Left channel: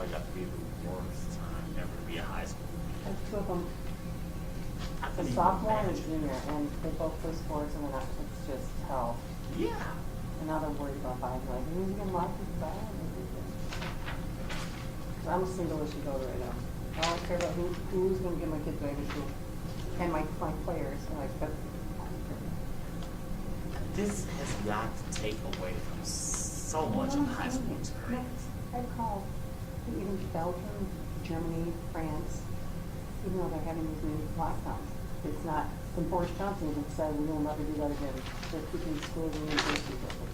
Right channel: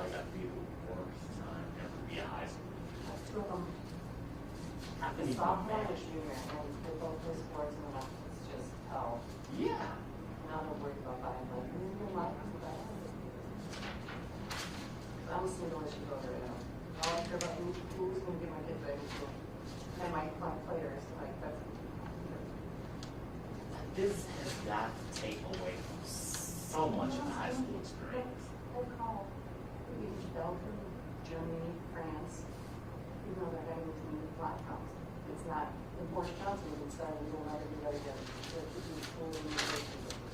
probably got to be the worst time ever to be a high school. There's two of them, I a couldn't even sophomore and a imagine. junior, and they both play sports, and then it's just hell. Yeah. And now they're worried about buying like music and life is bad. I'm single as she goes right now. All I care about who's gonna get my kids ready to school. And my players, like, but This has got to take away from so much of high school experience. I call even Belgium, Germany, France, even though they're having these new lockdowns. It's not, and Boris Johnson even said we will never do that again. Just keeping schools and universities open.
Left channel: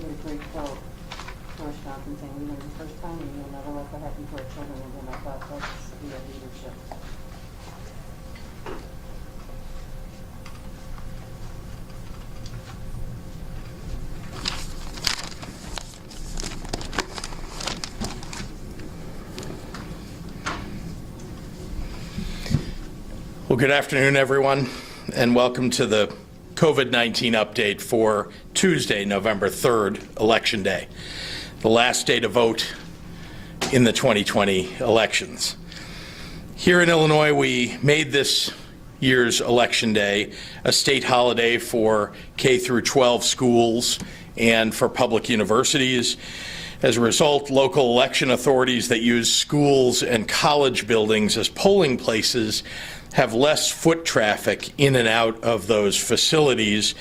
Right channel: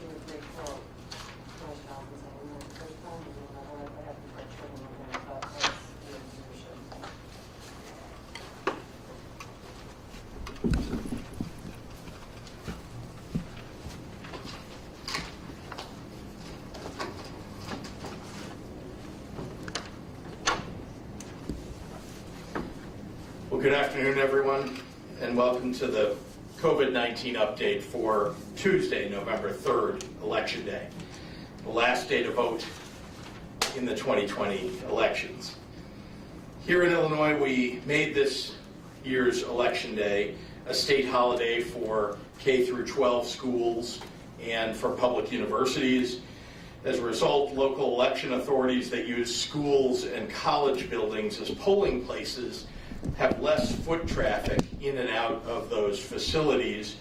He had a great quote, Boris Johnson saying, even the first time, we will never let that happen to our children. And I thought that was real leadership. Well, good afternoon, everyone, and welcome to the COVID-19 update for Tuesday, November 3rd, Election Day, the last day to vote in the 2020 elections. Here in Illinois, we made this year's Election Day a state holiday for K through 12 schools and for public universities. As a result, local election authorities that use schools and college buildings as polling places have less foot traffic in and out of those facilities,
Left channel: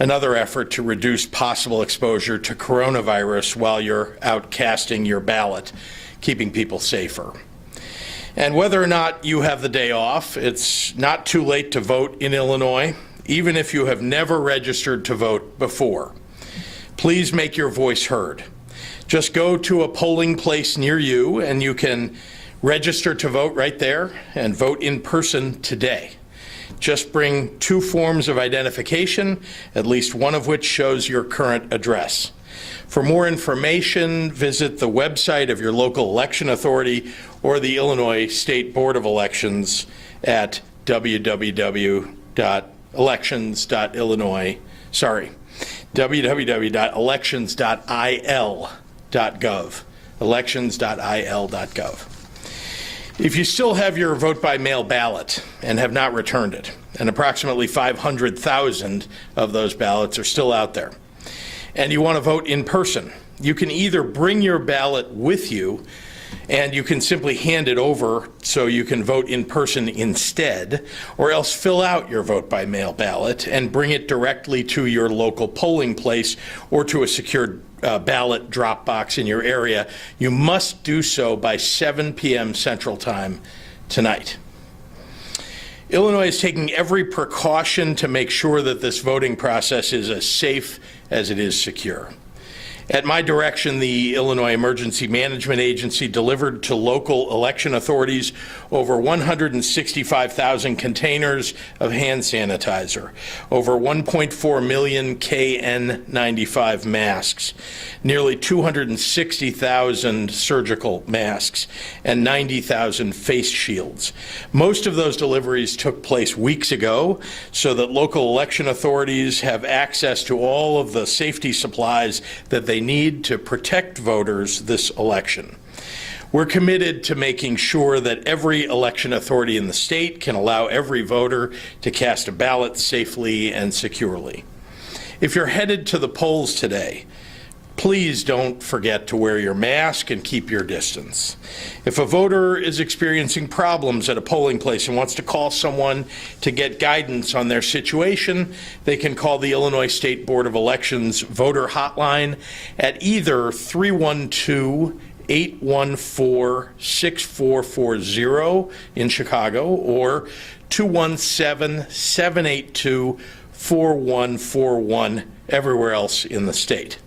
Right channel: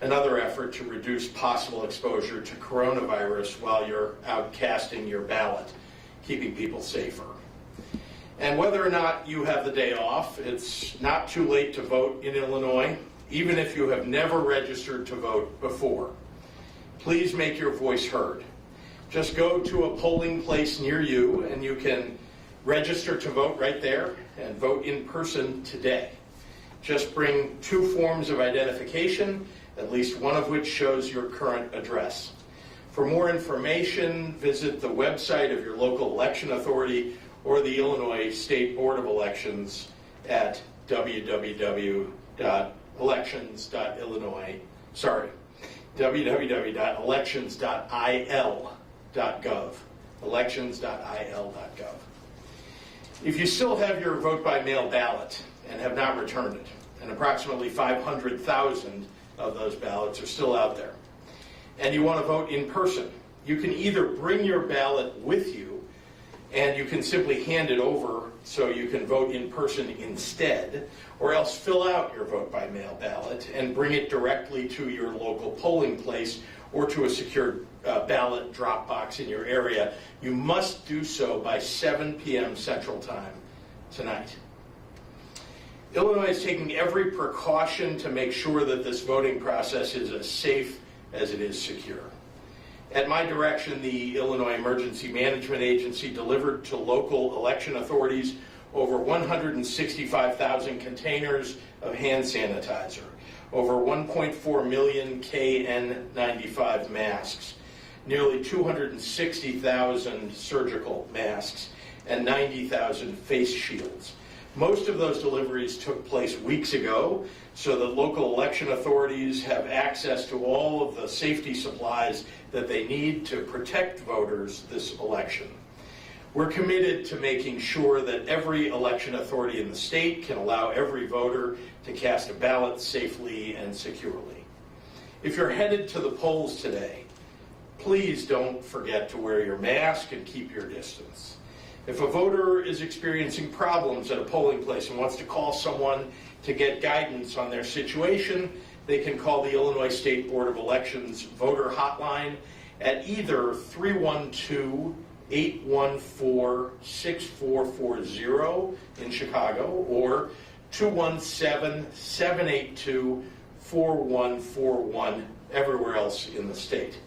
another effort to reduce possible exposure to coronavirus while you're out casting your ballot, keeping people safer. And whether or not you have the day off, it's not too late to vote in Illinois, even if you have never registered to vote before. Please make your voice heard. Just go to a polling place near you and you can register to vote right there and vote in person today. Just bring 2 forms of identification, at least one of which shows your current address. For more information, visit the website of your local election authority or the Illinois State Board of Elections at www.elections.il.gov, elections.il.gov. If you still have your vote by mail ballot and have not returned it, and approximately 500,000 of those ballots are still out there, and you want to vote in person, you can either bring your ballot with you and you can simply hand it over so you can vote in person instead, or else fill out your vote by mail ballot and bring it directly to your local polling place or to a secured ballot drop box in your area. You must do so by 7 p.m. Central Time tonight. Illinois is taking every precaution to make sure that this voting process is as safe as it is secure. At my direction, the Illinois Emergency Management Agency delivered to local election authorities over 165,000 containers of hand sanitizer, over 1.4 million KN95 masks, nearly 260,000 surgical masks, and 90,000 face shields. Most of those deliveries took place weeks ago so that local election authorities have access to all of the safety supplies that they need to protect voters this election. We're committed to making sure that every election authority in the state can allow every voter to cast a ballot safely and securely. If you're headed to the polls today, please don't forget to wear your mask and keep your distance. If a voter is experiencing problems at a polling place and wants to call someone to get guidance on their situation, they can call the Illinois State Board of Elections voter hotline at either 312-814-6440 in Chicago or 217-782-4141 everywhere else in the state.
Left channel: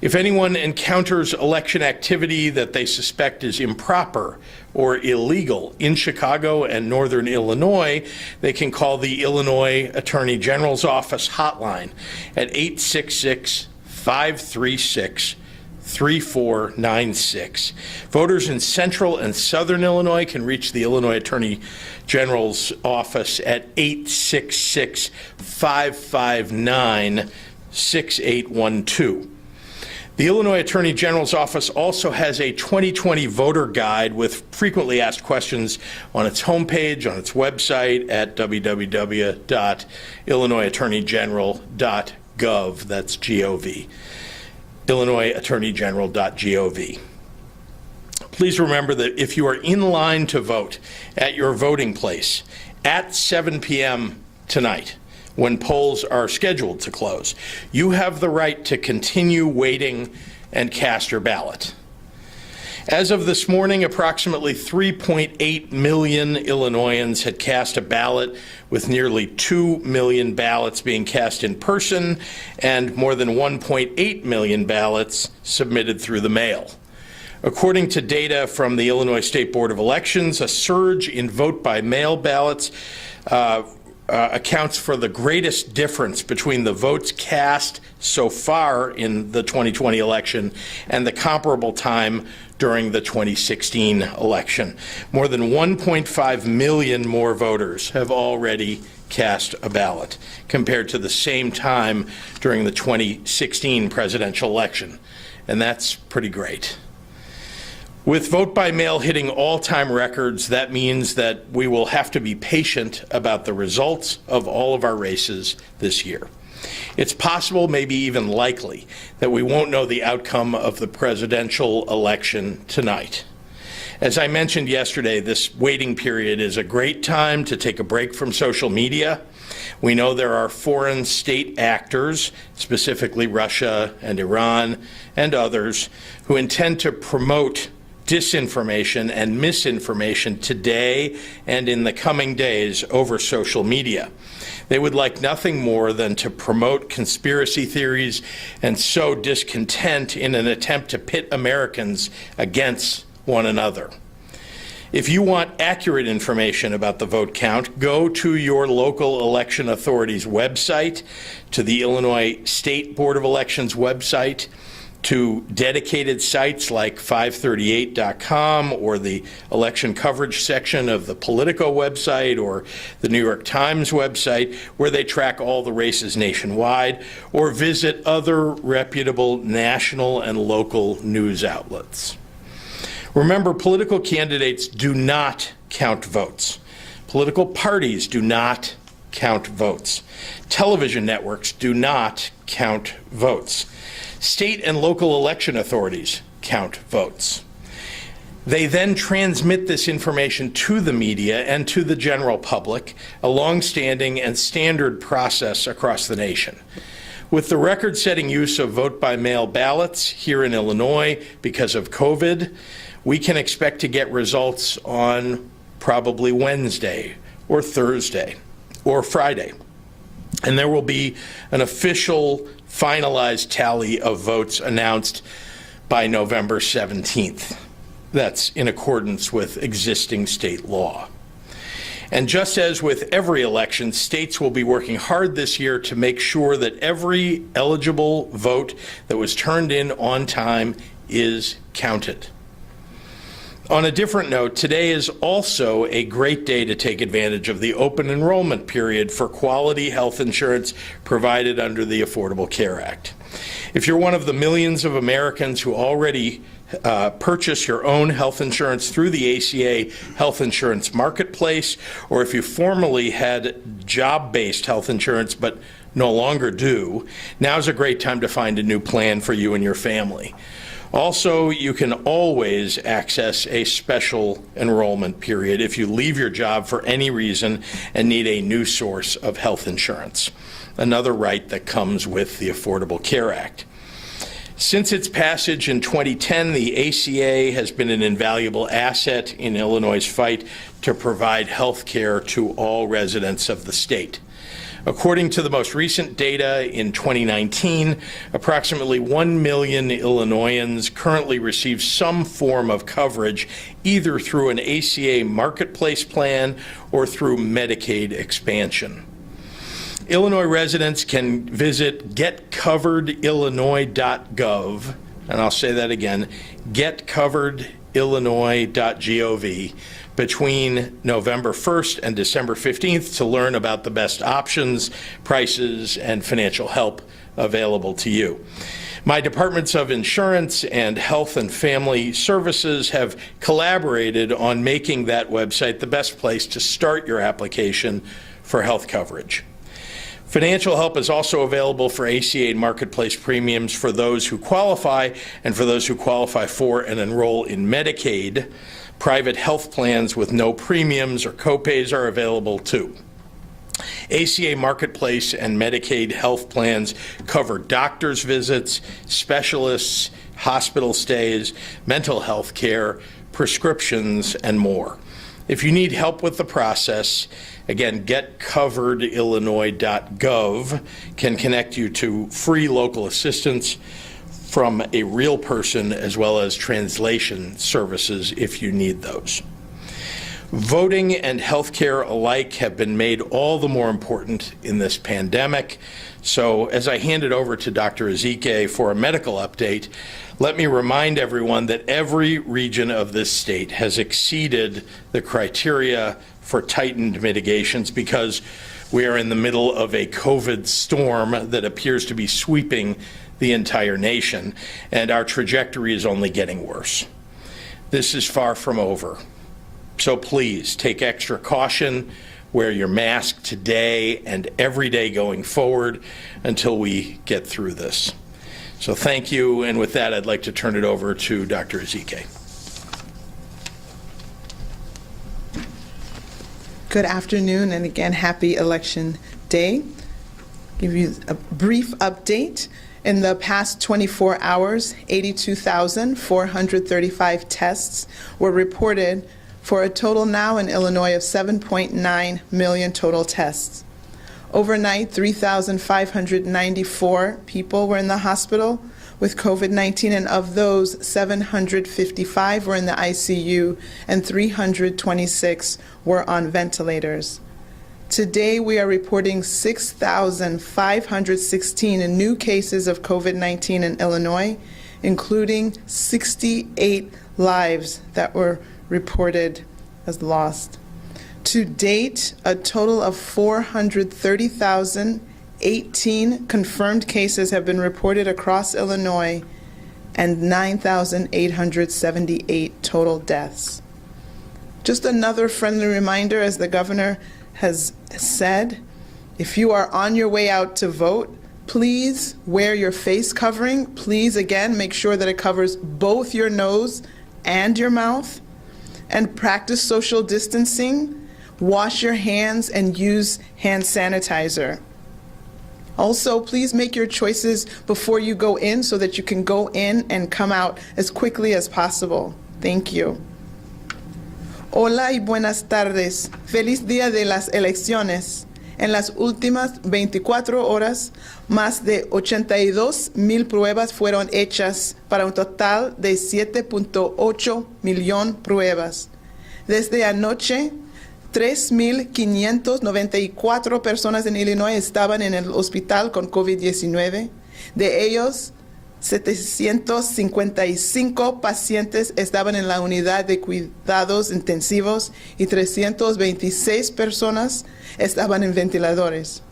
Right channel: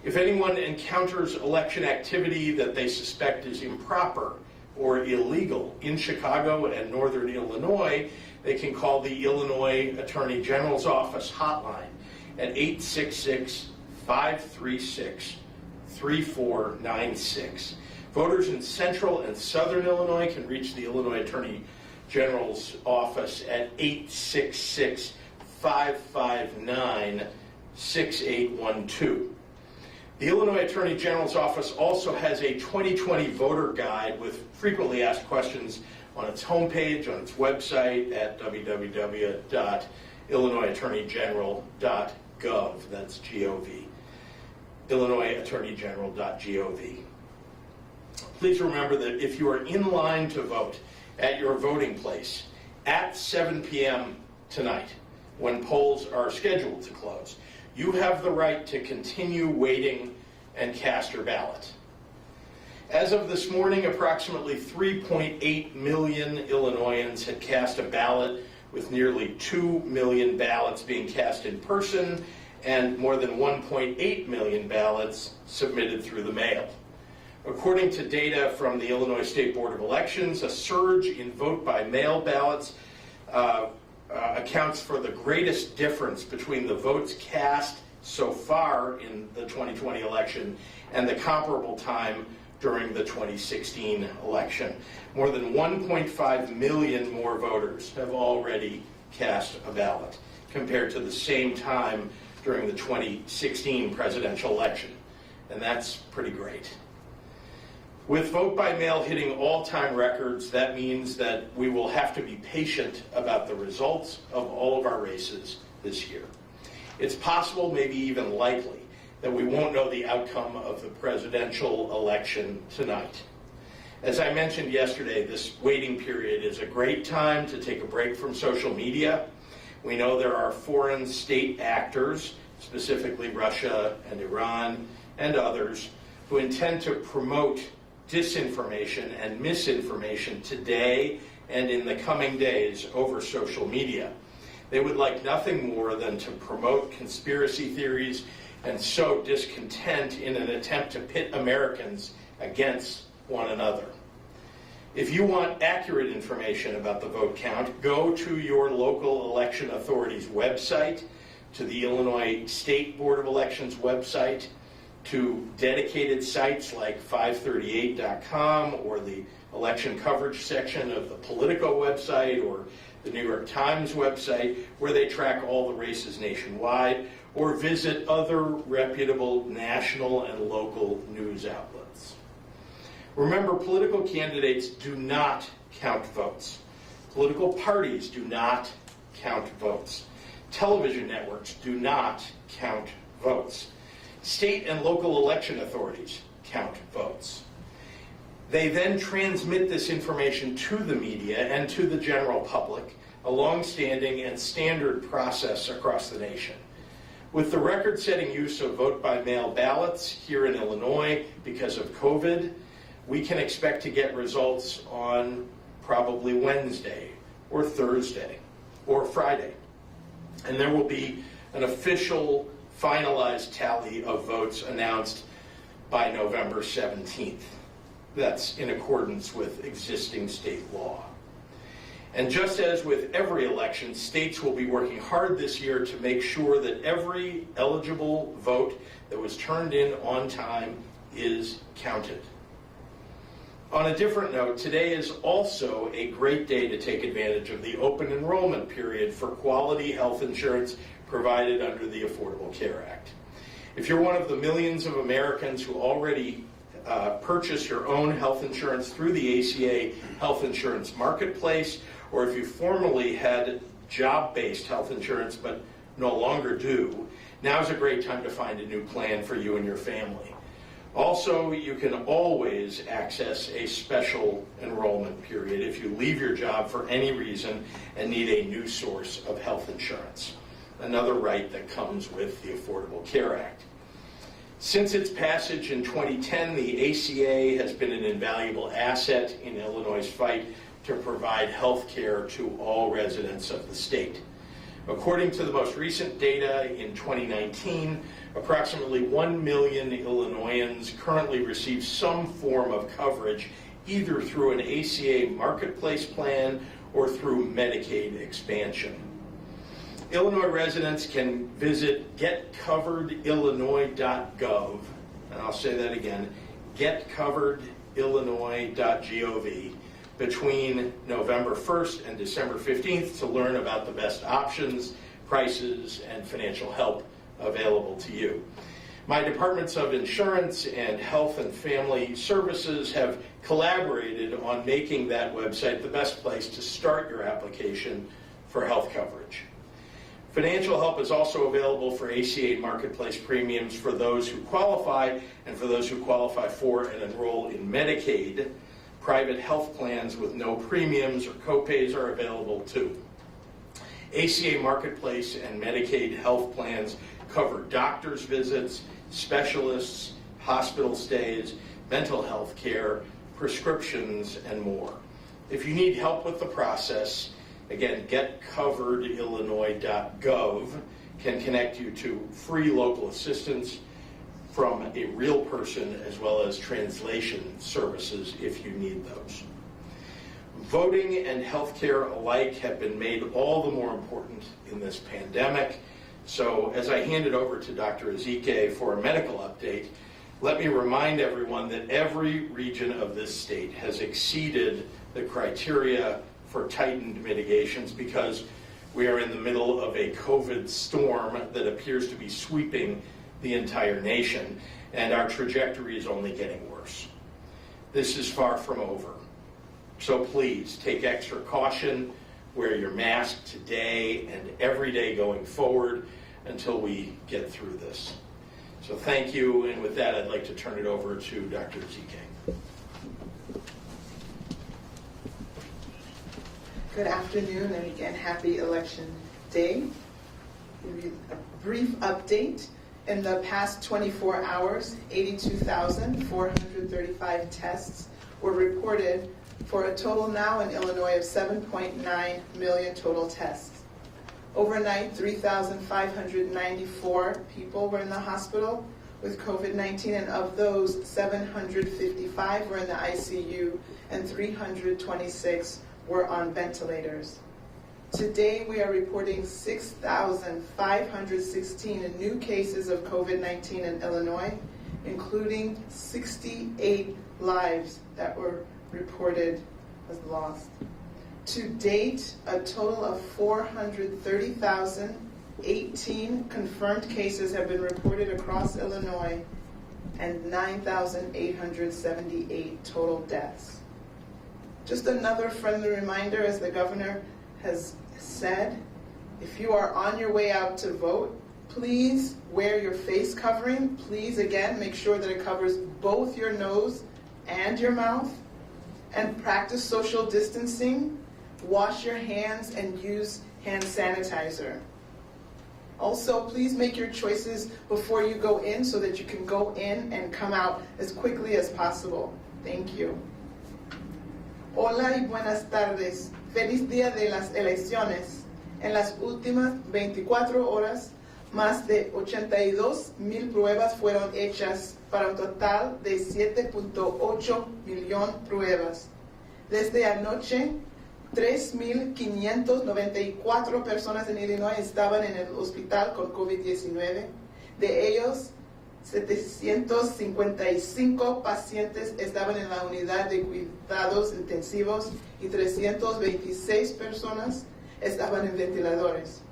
If anyone encounters election activity that they suspect is improper or illegal in Chicago and Northern Illinois, they can call the Illinois Attorney General's Office hotline at 866-536-3496. Voters in Central and Southern Illinois can reach the Illinois Attorney General's Office at 866-559-6812. The Illinois Attorney General's office also has a 2020 voter guide with frequently asked questions on its homepage, on its website at www.illinoisattorneygeneral.gov. That's G-O-V. illinoisattorneygeneral.gov. Please remember that if you are in line to vote at your voting place at 7 p.m. tonight, when polls are scheduled to close, you have the right to continue waiting and cast your ballot. As of this morning, approximately 3.8 million Illinoisans had cast a ballot, with nearly 2 million ballots being cast in person and more than 1.8 million ballots submitted through the mail. According to data from the Illinois State Board of Elections, a surge in vote-by-mail ballots accounts for the greatest difference between the votes cast so far in the 2020 election and the comparable time during the 2016 election. More than 1.5 million more voters have already cast a ballot compared to the same time during the 2016 presidential election, and that's pretty great. With vote by mail hitting all-time records, that means that we will have to be patient about the results of all of our races this year. It's possible, maybe even likely, that we won't know the outcome of the presidential election tonight. As I mentioned yesterday, this waiting period is a great time to take a break from social media. We know there are foreign state actors, specifically Russia and Iran and others, who intend to promote disinformation and misinformation today and in the coming days over social media. They would like nothing more than to promote conspiracy theories and sow discontent in an attempt to pit Americans against one another. If you want accurate information about the vote count, go to your local election authority's website, to the Illinois State Board of Elections website, to dedicated sites like 538.com or the election coverage section of the Politico website or the New York Times website, where they track all the races nationwide, or visit other reputable national and local news outlets. Remember, political candidates do not count votes. Political parties do not count votes. Television networks do not count votes. State and local election authorities count votes. They then transmit this information to the media and to the general public, a long-standing and standard process across the nation. With the record-setting use of vote-by-mail ballots here in Illinois because of COVID, we can expect to get results on probably Wednesday or Thursday or Friday. And there will be an official finalized tally of votes announced by November 17th. That's in accordance with existing state law. And just as with every election, states will be working hard this year to make sure that every eligible vote that was turned in on time is counted. On a different note, today is also a great day to take advantage of the open enrollment period for quality health insurance provided under the Affordable Care Act. If you're one of the millions of Americans who already purchase your own health insurance through the ACA Health Insurance Marketplace, or if you formerly had job-based health insurance but no longer do, now's a great time to find a new plan for you and your family. Also, you can always access a special enrollment period if you leave your job for any reason and need a new source of health insurance, another right that comes with the Affordable Care Act. Since its passage in 2010, the ACA has been an invaluable asset in Illinois' fight to provide health care to all residents of the state. According to the most recent data in 2019, approximately 1 million Illinoisans currently receive some form of coverage either through an ACA marketplace plan or through Medicaid expansion. Illinois residents can visit getcoveredillinois.gov, and I'll say that again, getcoveredillinois.gov, between November 1st and December 15th to learn about the best options, prices, and financial help available to you. My departments of insurance and health and family services have collaborated on making that website the best place to start your application for health coverage. Financial help is also available for ACA Marketplace premiums for those who qualify and for those who qualify for and enroll in Medicaid. Private health plans with no premiums or copays are available too. ACA Marketplace and Medicaid health plans cover doctor's visits, specialists, hospital stays, mental health care, prescriptions, and more. If you need help with the process, again, getcoveredillinois.gov can connect you to free local assistance from a real person as well as translation services if you need those. Voting and healthcare alike have been made all the more important in this pandemic. So as I hand it over to Dr. Ezike for a medical update, let me remind everyone that every region of this state has exceeded the criteria for tightened mitigations because we are in the middle of a COVID storm that appears to be sweeping the entire nation, and our trajectory is only getting worse. This is far from over. So please take extra caution, wear your mask today and every day going forward until we get through this. So thank you, and with that, I'd like to turn it over to Dr. Ezike. Good afternoon, and again, happy Election Day. Give you a brief update. In the past 24 hours, 82,435 tests were reported for a total now in Illinois of 7.9 million total tests. Overnight, 3,594 people were in the hospital with COVID-19, and of those, 755 were in the ICU and 326 were on ventilators. Today, we are reporting 6,516 new cases of COVID-19 in Illinois, including 68 lives that were reported as lost. To date, a total of 430,018 confirmed cases have been reported across Illinois and 9,878 total deaths. Just another friendly reminder, as the governor has said, if you are on your way out to vote, please wear your face covering. Please, again, make sure that it covers both your nose and your mouth. And practice social distancing. Wash your hands and use hand sanitizer. Also, please make your choices before you go in so that you can go in and come out as quickly as possible. Thank you. Hola y buenas tardes. Feliz día de las elecciones. En las últimas 24 horas, más de 82,000 pruebas fueron hechas para un total de 7.8 millones pruebas. Desde anoche, 3,594 personas en Illinois estaban en el hospital con COVID-19. De ellos, 755 pacientes estaban en la unidad de cuidados intensivos y 326 personas estaban en ventiladores.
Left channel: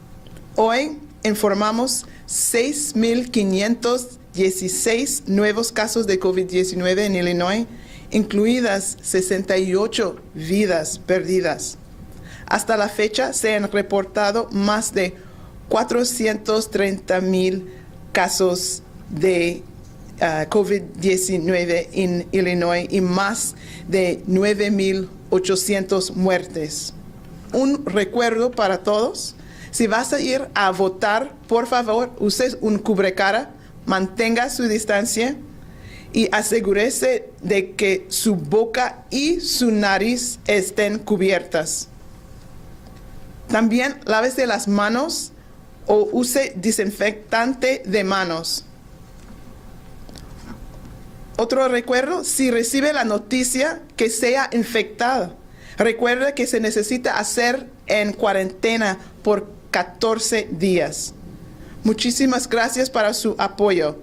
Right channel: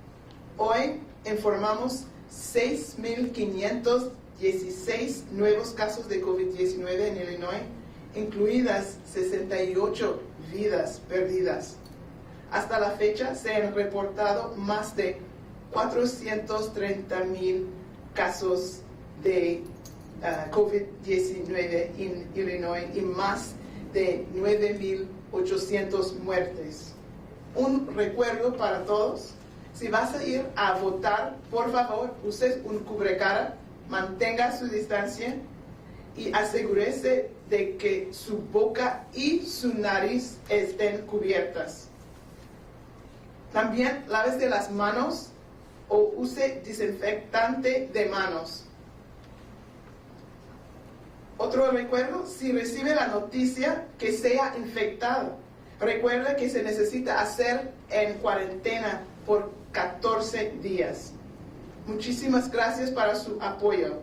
Hoy informamos 6,516 nuevos casos de COVID-19 en Illinois, incluidas 68 vidas perdidas. Hasta la fecha se han reportado más de 430,000 casos de COVID-19 en Illinois y más de 9,800 muertes. Un recuerdo para todos: si vas a ir a votar, por favor, use un cubrecara, mantenga su distancia y asegúrese de que su boca y su nariz estén cubiertas. También lávese las manos o use desinfectante de manos. Otro recuerdo: si recibe la noticia que sea infectado, recuerde que se necesita hacer en cuarentena por 14 días. Muchísimas gracias para su apoyo.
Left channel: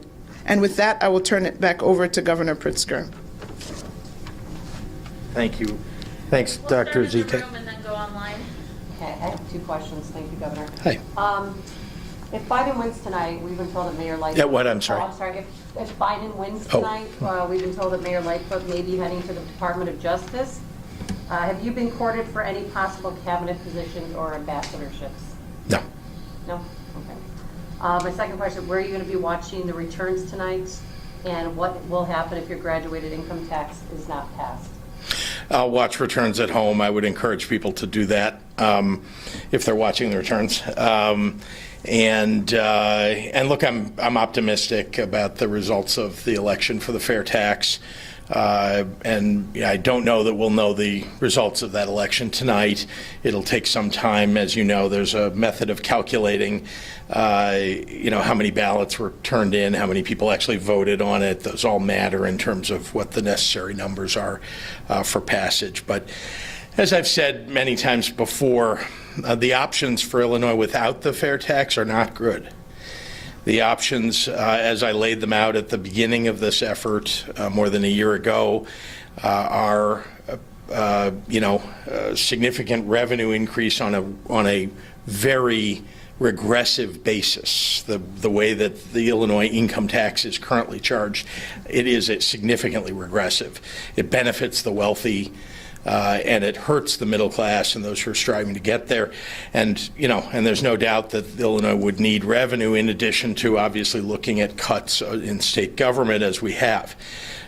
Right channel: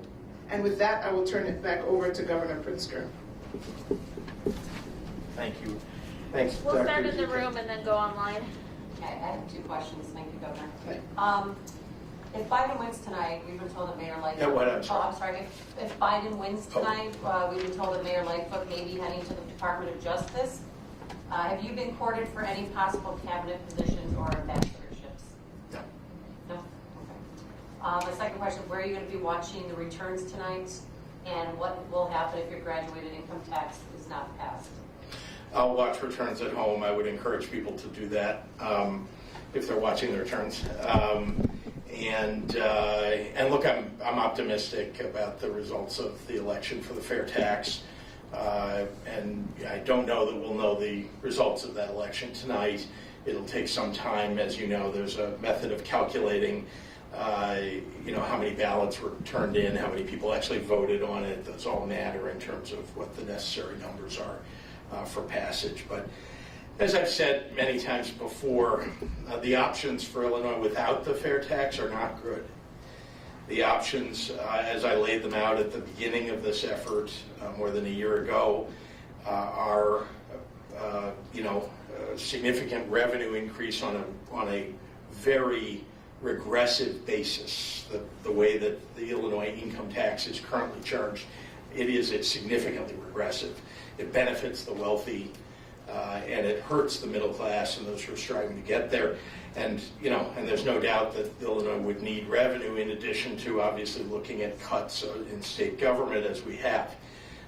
And with that, I will turn it back over to Governor Pritzker. Thank you. Thanks, We'll Dr. start in the Ezike. room and then go online. Okay, I have two questions. Thank you, Governor. Hi. If Biden wins tonight, we've been told that Mayor Lightfoot. Yeah, what? I'm sorry. Oh, I'm sorry. If Biden wins Oh. tonight, we've been told that Mayor Lightfoot may be heading to the Department of Justice. Have you been courted for any possible cabinet positions or ambassadorships? No. No? Okay. My second question, where are you going to be watching the returns tonight? And what will happen if your graduated income tax is not passed? I'll watch returns at home. I would encourage people to do that if they're watching the returns. And look, I'm optimistic about the results of the election for the fair tax. And I don't know that we'll know the results of that election tonight. It'll take some time. As you know, there's a method of calculating how many ballots were turned in, how many people actually voted on it. Those all matter in terms of what the necessary numbers are for passage. But as I've said many times before, the options for Illinois without the fair tax are not good. The options, as I laid them out at the beginning of this effort more than a year ago, are significant revenue increase on a very regressive basis. The way that the Illinois income tax is currently charged, it is significantly regressive. It benefits the wealthy. And it hurts the middle class and those who are striving to get there. And there's no doubt that Illinois would need revenue in addition to obviously looking at cuts in state government as we have.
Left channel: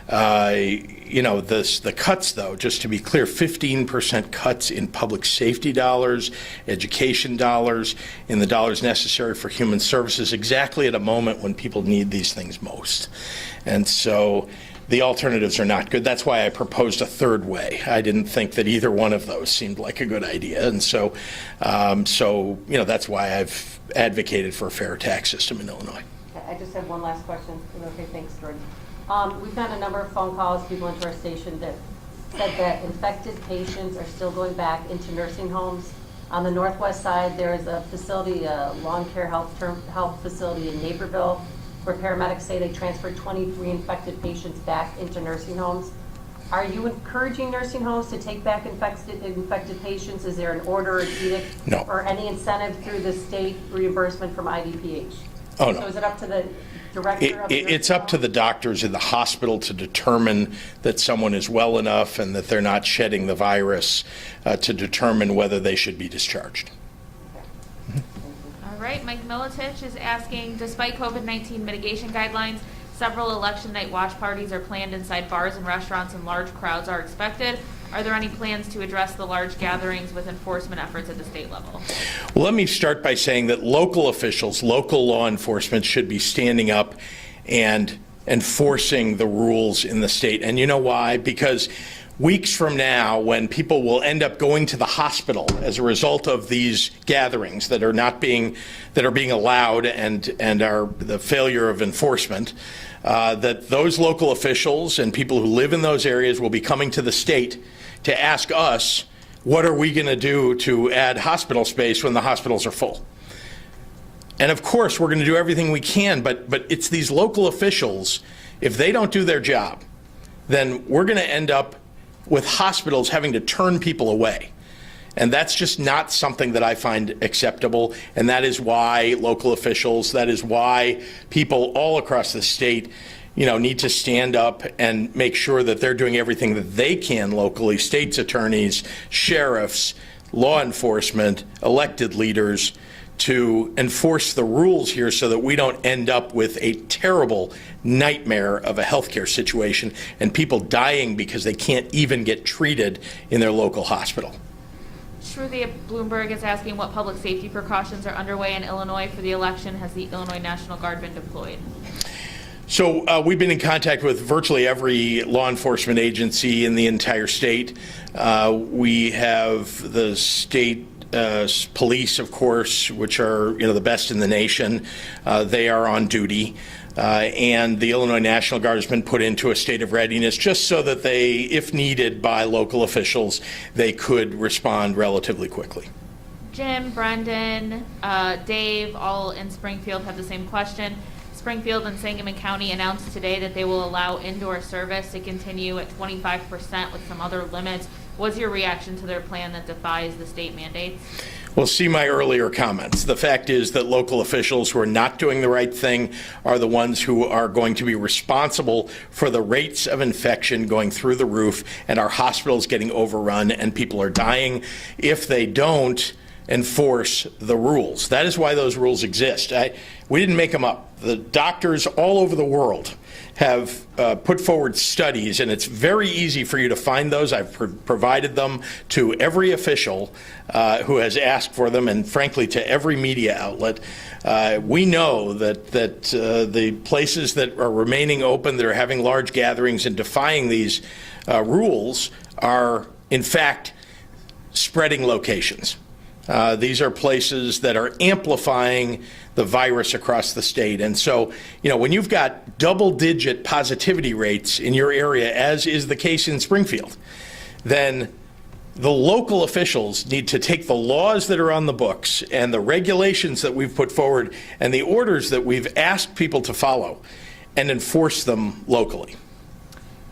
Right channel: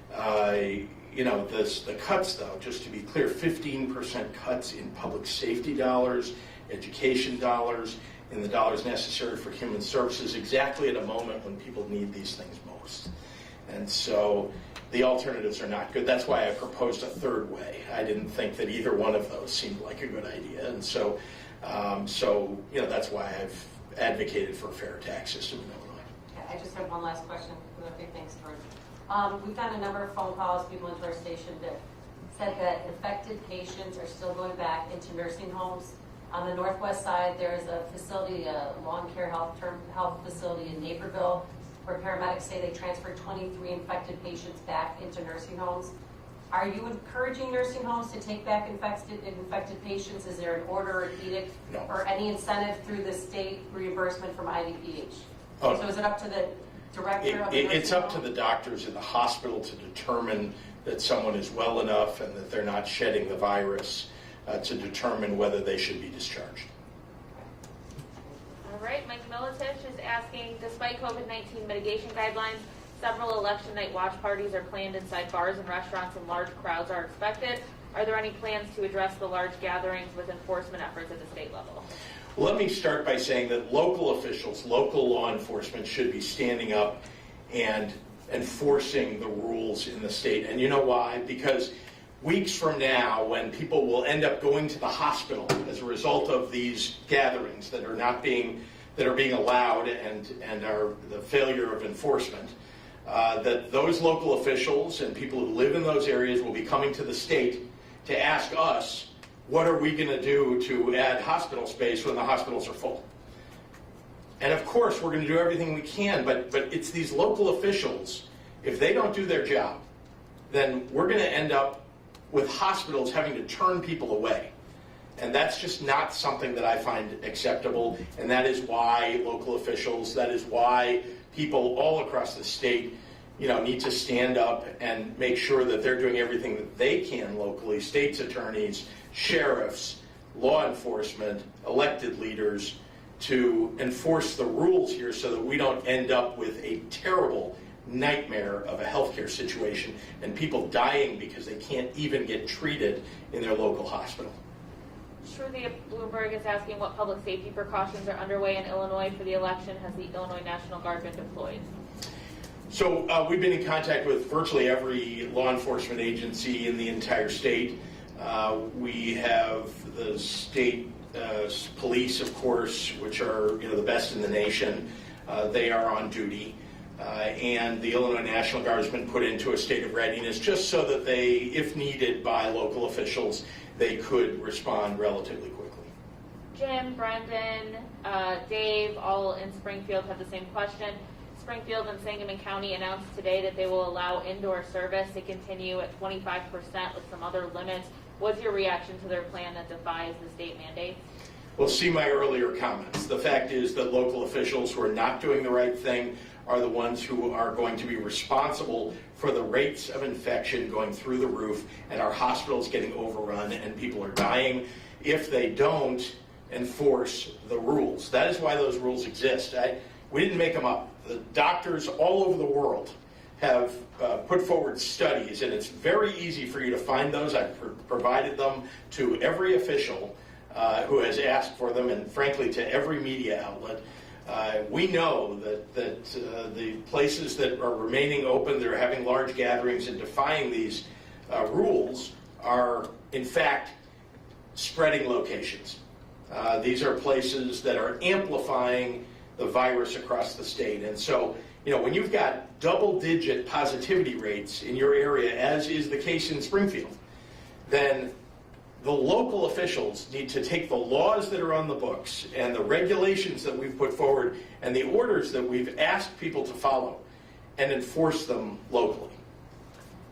The cuts, though, just to be clear, 15% cuts in public safety dollars, education dollars, in the dollars necessary for human services, exactly at a moment when people need these things most. And so the alternatives are not good. That's why I proposed a third way. I didn't think that either one of those seemed like a good idea. And so that's why I've advocated for a fair tax system in Illinois. I just have one last question. Okay, thanks, George. We've gotten a number of phone calls, people into our station that said that infected patients are still going back into nursing homes. On the northwest side, there is a facility, a lawn care health facility in Naperville, where paramedics say they transferred 23 infected patients back into nursing homes. Are you encouraging nursing homes to take back infected patients? Is there an order or edict? No. Or any incentive through the state reimbursement from IDPH? Oh, no. So is it up to the director of the nursing It's up to home? the doctors in the hospital to determine that someone is well enough and that they're not shedding the virus to determine whether they should be discharged. All right, Mike Militich is asking, despite COVID-19 mitigation guidelines, several election night watch parties are planned inside bars and restaurants and large crowds are expected. Are there any plans to address the large gatherings with enforcement efforts at the state level? Well, let me start by saying that local officials, local law enforcement should be standing up and enforcing the rules in the state. And you know why? Because weeks from now, when people will end up going to the hospital as a result of these gatherings that are being allowed and are the failure of enforcement, that those local officials and people who live in those areas will be coming to the state to ask us, what are we going to do to add hospital space when the hospitals are full? And of course, we're going to do everything we can, but it's these local officials, if they don't do their job, then we're going to end up with hospitals having to turn people away. And that's just not something that I find acceptable. And that is why local officials, that is why people all across the state, need to stand up and make sure that they're doing everything that they can locally, state's attorneys, sheriffs, law enforcement, elected leaders, to enforce the rules here so that we don't end up with a terrible nightmare of a healthcare situation and people dying because they can't even get treated in their local hospital. Shruti Bloomberg is asking what public safety precautions are underway in Illinois for the election. Has the Illinois National Guard been deployed? So we've been in contact with virtually every law enforcement agency in the entire state. We have the state police, of course, which are the best in the nation. They are on duty. And the Illinois National Guard has been put into a state of readiness just so that they, if needed by local officials, they could respond relatively quickly. Jim, Brendan, Dave, all in Springfield have the same question. Springfield and Sangamon County announced today that they will allow indoor service to continue at 25% with some other limits. What's your reaction to their plan that defies the state mandates? Well, see my earlier comments. The fact is that local officials who are not doing the right thing are the ones who are going to be responsible for the rates of infection going through the roof and our hospitals getting overrun and people are dying if they don't enforce the rules. That is why those rules exist. We didn't make them up. The doctors all over the world have put forward studies, and it's very easy for you to find those. I've provided them to every official who has asked for them, and frankly to every media outlet. We know that the places that are remaining open, that are having large gatherings and defying these rules are, in fact, spreading locations. These are places that are amplifying the virus across the state. And so, when you've got double-digit positivity rates in your area, as is the case in Springfield, then the local officials need to take the laws that are on the books and the regulations that we've put forward and the orders that we've asked people to follow and enforce them locally.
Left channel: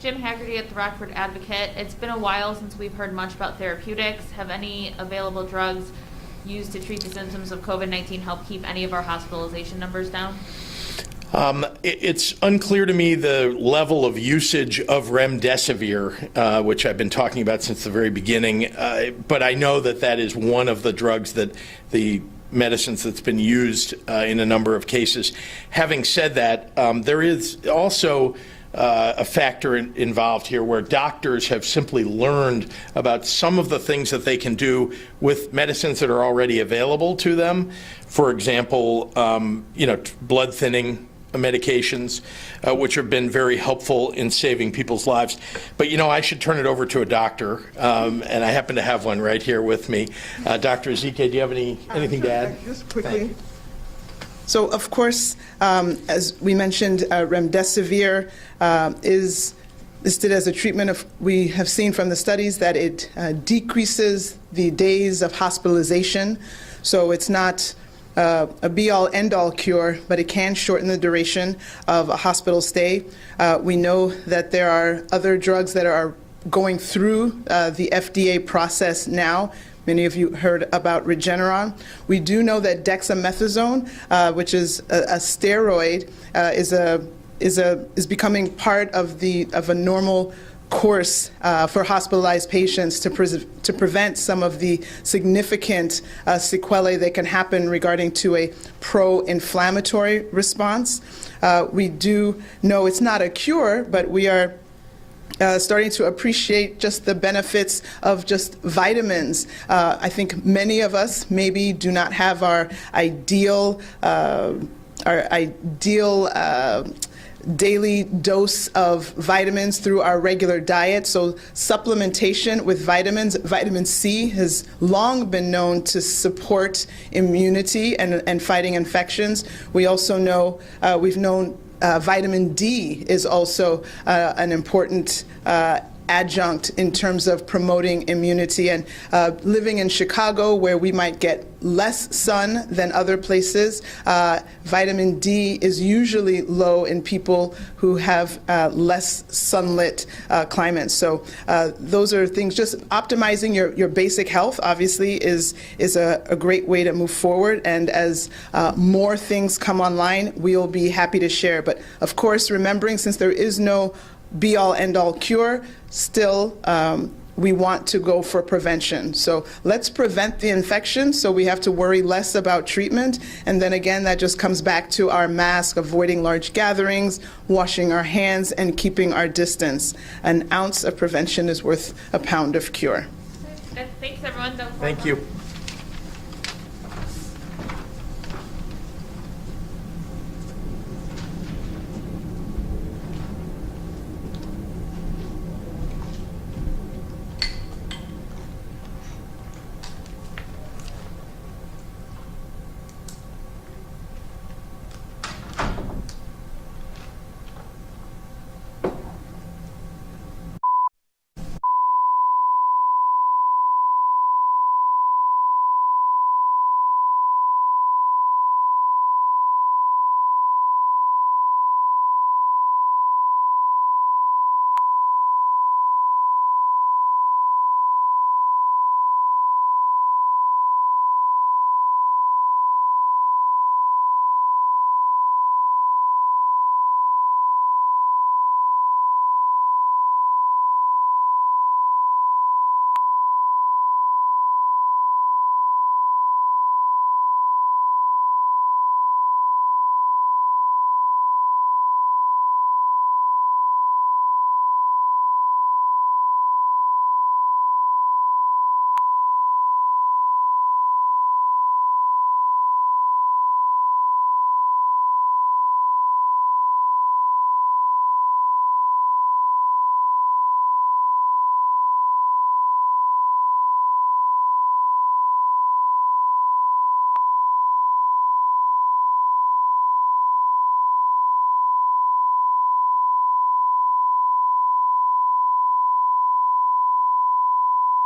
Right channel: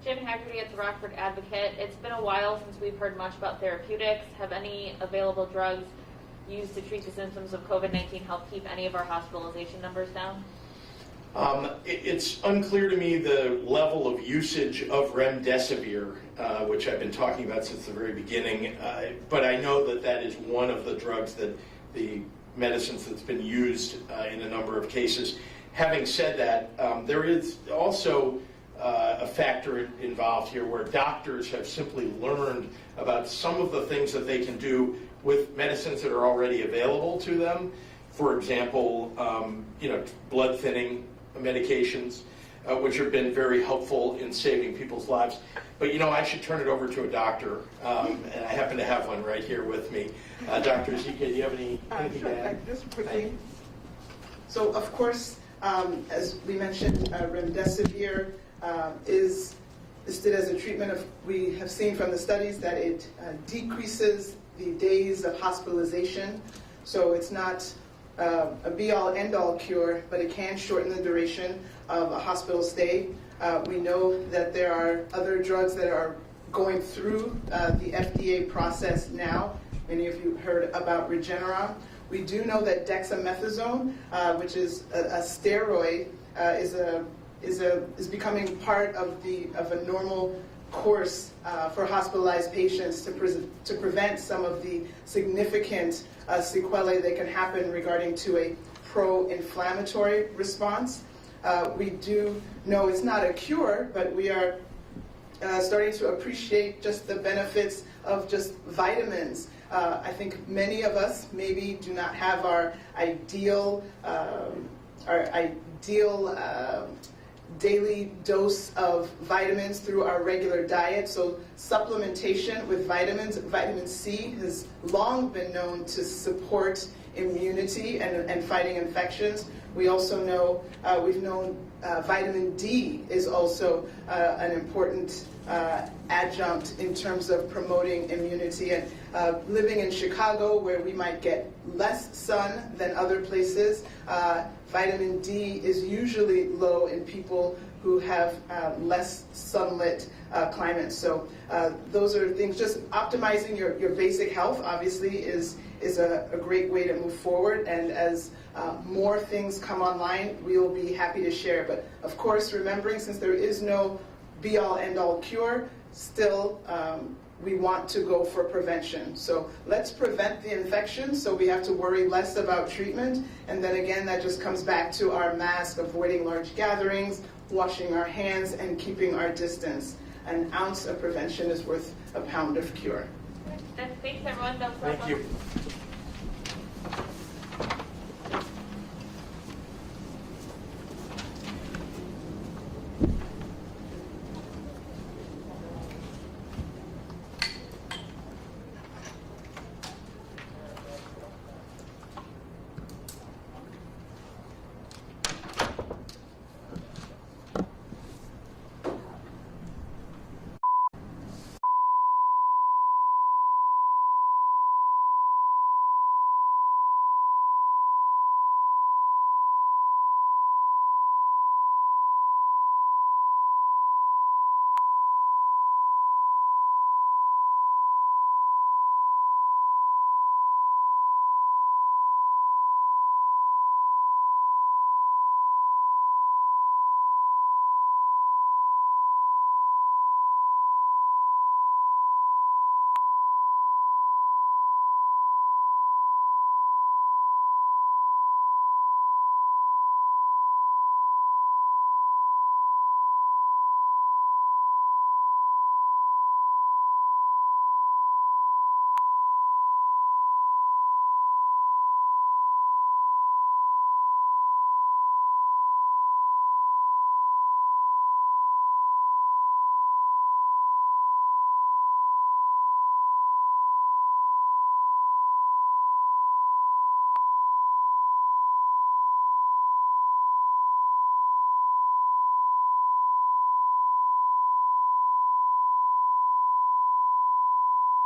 Jim Haggerty at the Rockford Advocate. It's been a while since we've heard much about therapeutics. Have any available drugs used to treat the symptoms of COVID-19 help keep any of our hospitalization numbers down? It's unclear to me the level of usage of remdesivir, which I've been talking about since the very beginning, but I know that that is one of the drugs that the medicines that's been used in a number of cases. Having said that, there is also a factor involved here where doctors have simply learned about some of the things that they can do with medicines that are already available to them. For example, blood thinning medications, which have been very helpful in saving people's lives. But I should turn it over to a doctor, and I happen to have one right here with me. Dr. Ezike, do you have anything to add? Just quickly. So, of course, as we mentioned, remdesivir is listed as a treatment. We have seen from the studies that it decreases the days of hospitalization. So it's not a be-all, end-all cure, but it can shorten the duration of a hospital stay. We know that there are other drugs that are going through the FDA process now. Many of you heard about Regeneron. We do know that dexamethasone, which is a steroid, is becoming part of a normal course for hospitalized patients to prevent some of the significant sequelae that can happen regarding to a pro-inflammatory response. We do know it's not a cure, but we are starting to appreciate just the benefits of just vitamins. I think many of us maybe do not have our ideal daily dose of vitamins through our regular diet. So supplementation with vitamins, vitamin C has long been known to support immunity and fighting infections. We also know, we've known vitamin D is also an important adjunct in terms of promoting immunity. And living in Chicago, where we might get less sun than other places, vitamin D is usually low in people who have less sunlit climates. So those are things. Just optimizing your basic health, obviously, is a great way to move forward. And as more things come online, we'll be happy to share. But of course, remembering, since there is no be-all, end-all cure, still we want to go for prevention. So let's prevent the infection so we have to worry less about treatment. And then again, that just comes back to our mask, avoiding large gatherings, washing our hands, and keeping our distance. An ounce of prevention is worth a pound of cure. Thanks, everyone. Thank you.